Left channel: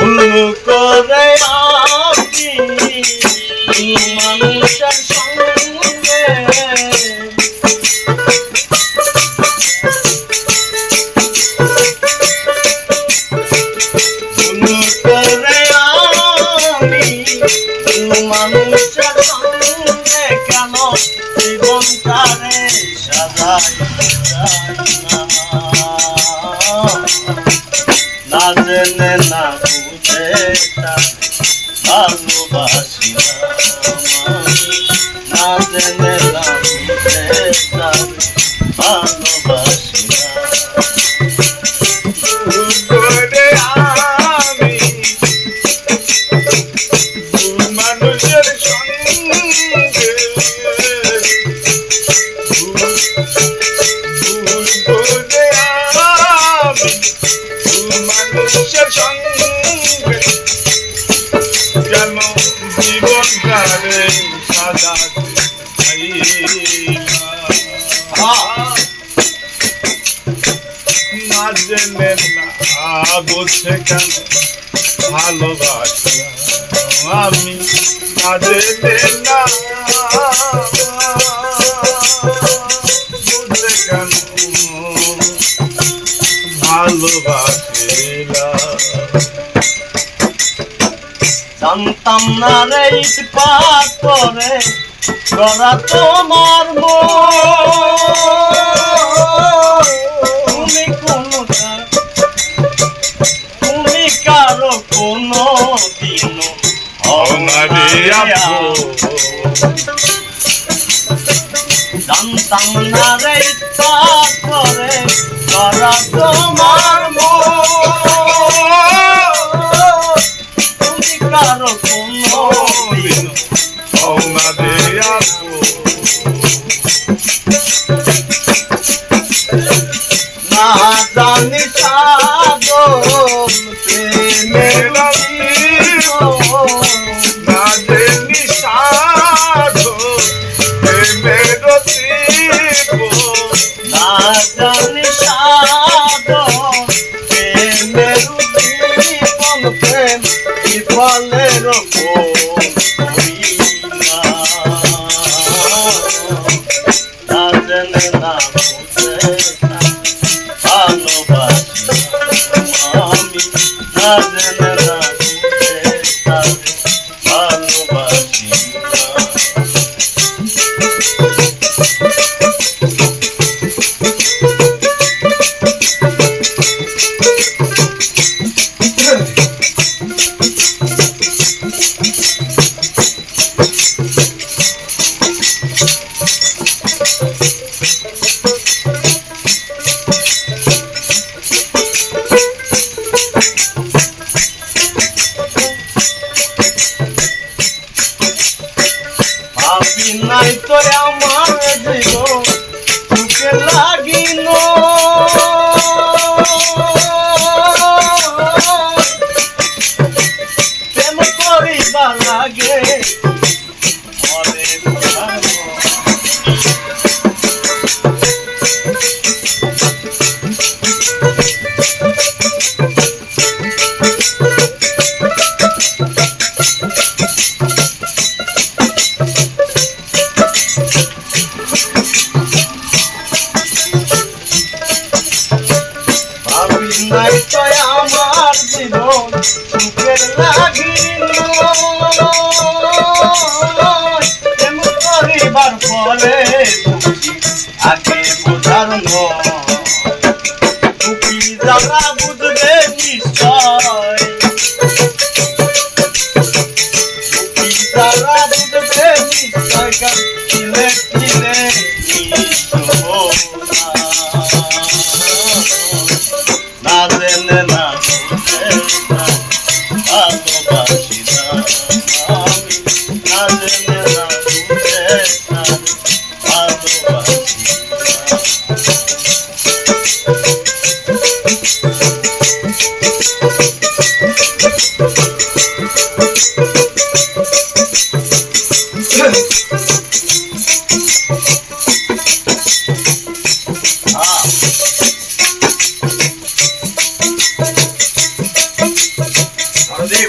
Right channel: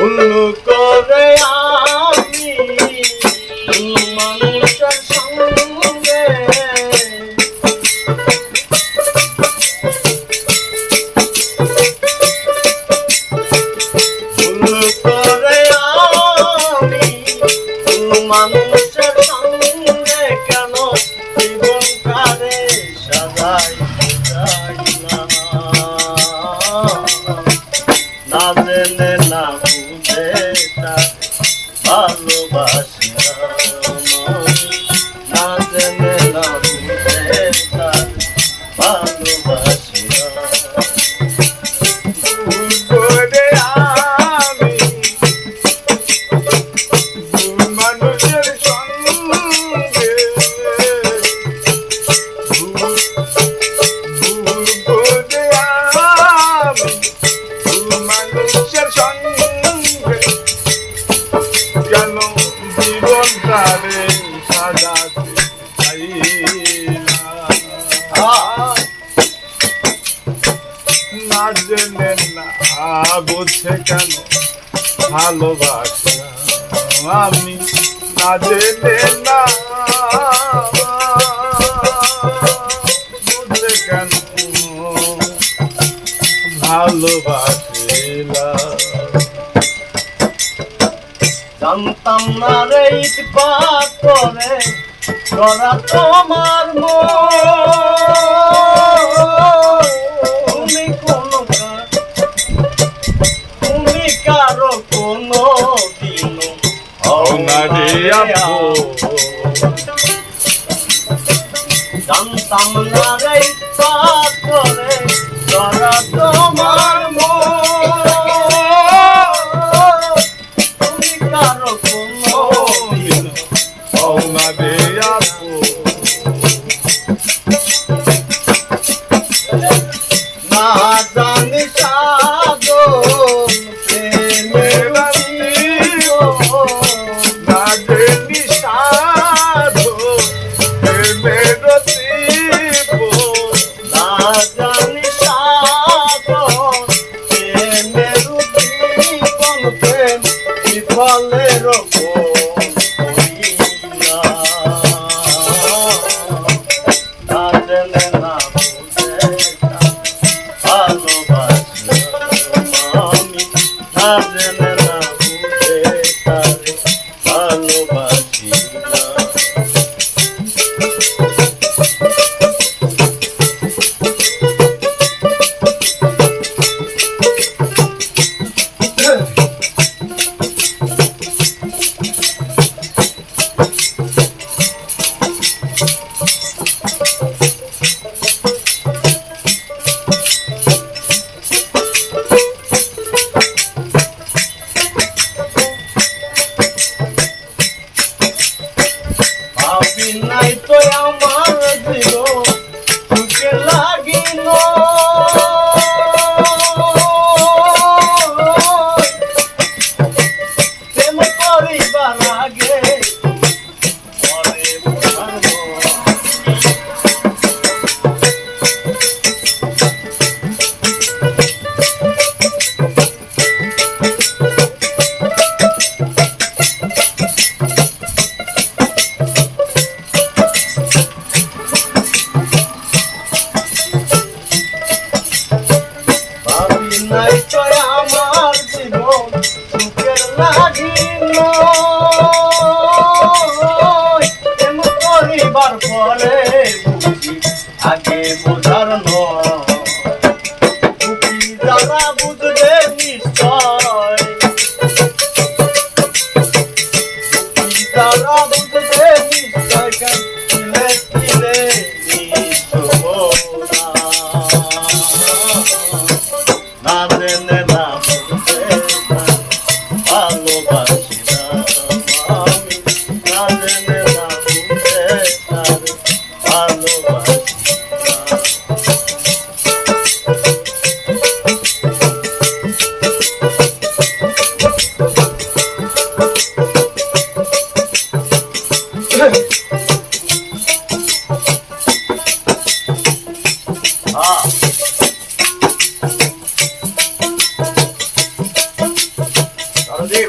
ভুল করে আমি মানুষের সঙ্গে ভুল করে আমি মানুষের সঙ্গে কেন জীবনটারে সাজাই না জেনে না বুঝে ভালোবাসি না জেনে না বুঝে ভালোবাসি করে আমি মানুষের সঙ্গে করে আমি মানুষের সঙ্গে কেন জীবনটারে সাজাতে না জেনে না বুঝে কেন ভালোবাসা আমি না জেনে না বুঝে কেন ভালোবাসিলাম জানতাম না রে ইস্পাত করে করা তোমার তুমি তুমি কারো কোনো দিন জানতাম না রে ইস্পাত করে করা তোমার তুমি কারো কোনো দিন না জানি সাধন প্রেমের না জেনি সাধো প্রেমের না জানি সাধন প্রেমের জীবন প্রেম বিফলের না জেনে না বুঝে ভালোবাসি আমি না জেনে না বুঝে ভালোবাসি নাই তো আমার জীবন সুখে লাগিল প্রেম করিবার আগে নাই তো আমার জীবন সুখে লাগিল প্রেম করিবার পরে আগে বোঝার নয় যারা বুঝবে নিশ্চয় যারা বুঝবে নিশ্চয় কিলে কিলে না জেনে না বুঝে ভালোবাসি না আমি না জেনে না বুঝে ভালোবাসি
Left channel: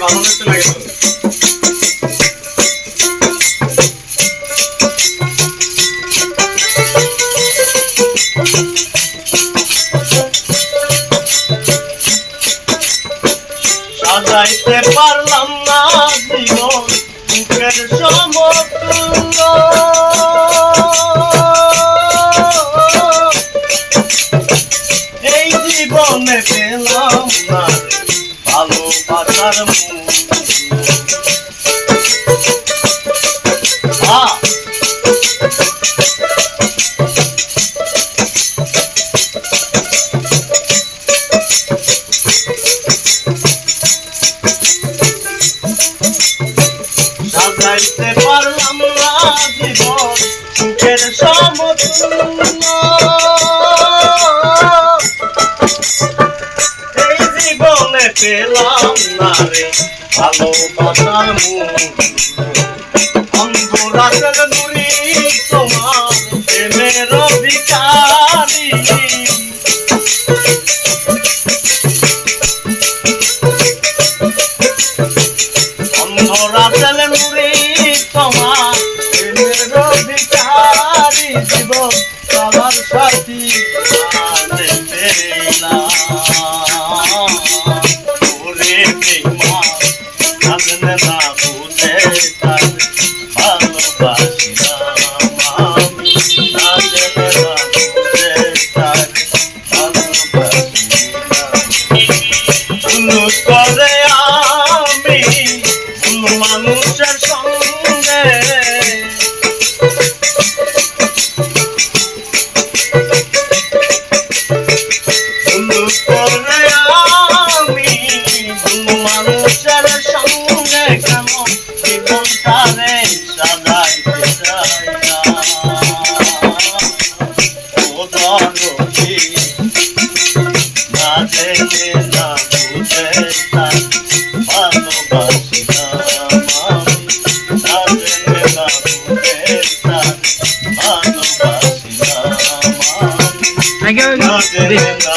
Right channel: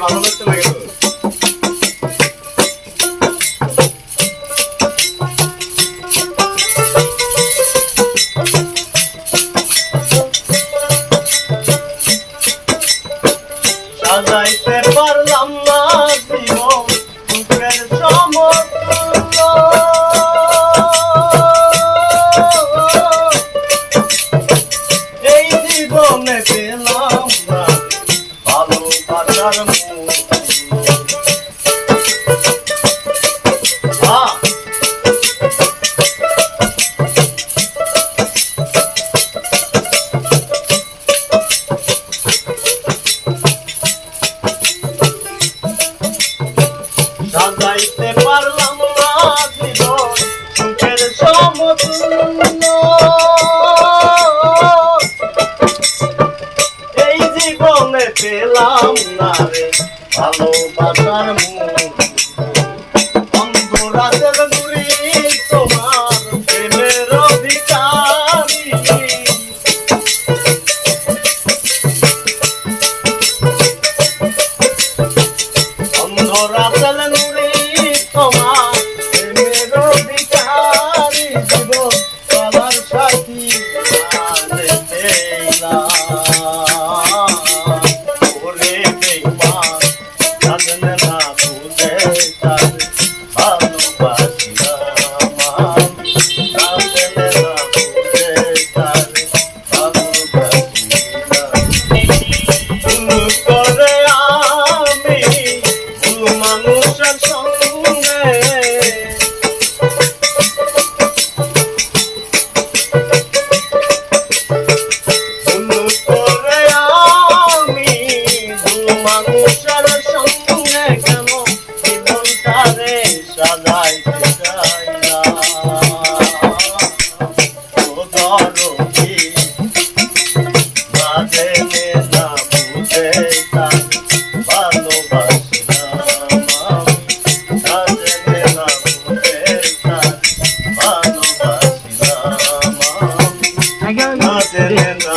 ভালো লাগতে লাগে তো। সাজাইতে পারলাম না জীবন সুখের সমতুল্য, এই জীবনে পেলাম না ভালোবাসার মূল্য। সাজাইতে পারলাম না জীবন সুখের সমতুল্য, এই জীবনে পেলাম না রে ভালোবাসার মূল্য। অন্ধরাতের নুরি তোমার প্রেমের অধিকারী, অন্ধরাতের নুরি তোমার প্রেমের অধিকারী, জীবন চলার সাথী আনে পেলাম। ওরে বেঈমান জানলে না বুঝে তাকে ভালোবাসিলাম আমি, জানলে না বুঝে তাকে ভালোবাসিলাম। ভুল করে আমি ভুল মানুষের সঙ্গে, ভুল করে আমি ভুল মানুষের সঙ্গে কেন জীবনটারে সাজাইতে চাই না। ও দরদি না জেনে না বুঝে তাকে ভালোবাসিলাম আমি, না জেনে না বুঝে তাকে ভালোবাসিলাম আমি, না জেনে না